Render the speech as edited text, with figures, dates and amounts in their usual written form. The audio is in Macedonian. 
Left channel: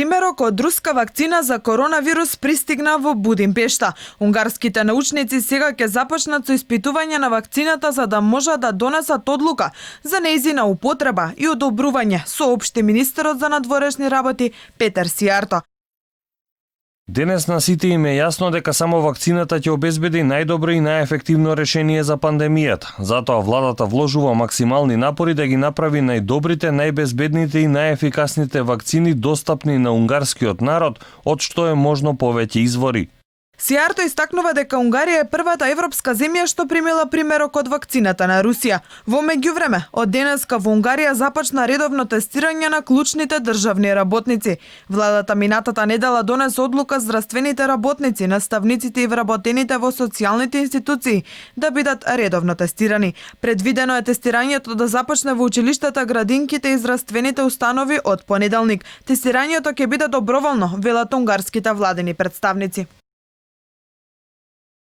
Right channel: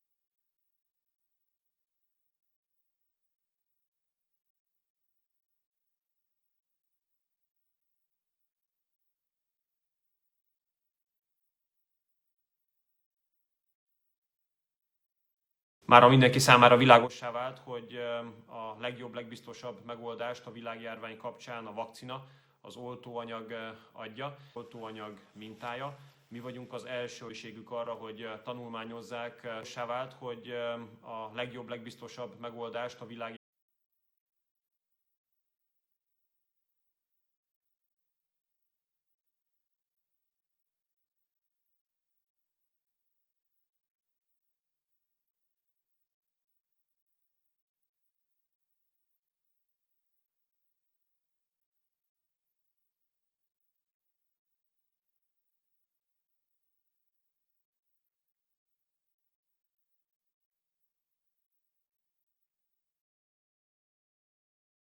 Примерок од руска вакцина за коронавирус пристигна во Будимпешта. Унгарските научници сега ќе започнат со испитување на вакцината за да можат да донесат одлука за нејзина употреба и одобрување, соопшти министерот за надворешни работи Петер Сијарто. Денес на сите им е јасно дека само вакцината ќе обезбеди најдобро и најефективно решение за пандемијата. Затоа владата вложува максимални напори да ги направи најдобрите, најбезбедните и најефикасните вакцини достапни на унгарскиот народ, од што е можно повеќе извори. Сијарто истакнува дека Унгарија е првата европска земја што примила примерок од вакцината на Русија. Во меѓувреме, од денеска во Унгарија започна редовно тестирање на клучните државни работници. Владата минатата недела донесе одлука здравствените работници, наставниците и вработените во социјалните институции да бидат редовно тестирани. Предвидено е тестирањето да започне во училиштата, градинките и здравствените установи од понеделник. Тестирањето ќе биде доброволно, велат унгарските владени представници.